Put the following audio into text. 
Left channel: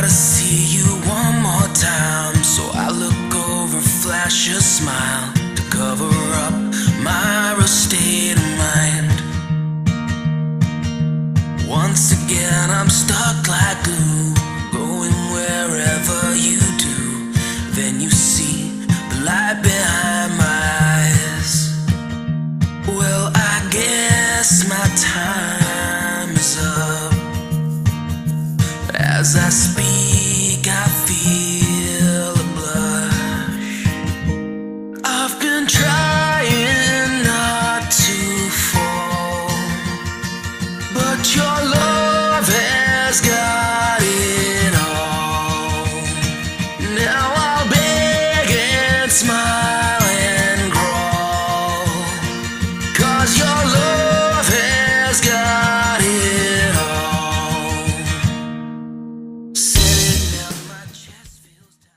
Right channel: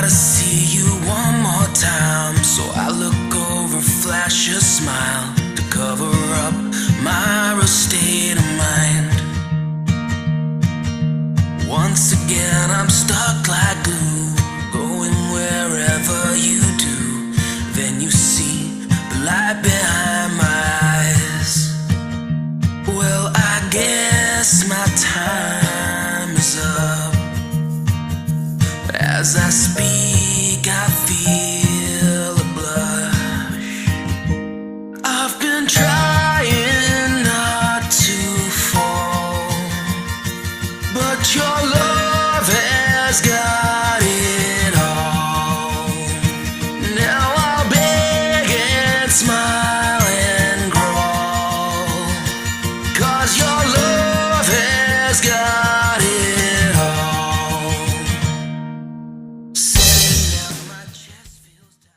gotta see you one more time. So I look over, flash a smile to cover up my real state of mind. Once again I'm stuck like glue, going wherever you do. Then you see the light behind my eyes. Well, I guess my time is up. As I speak, I feel a blush. I've been trying not to fall, but your love has got it all. Now I'll beg and smile and crawl, 'cause your love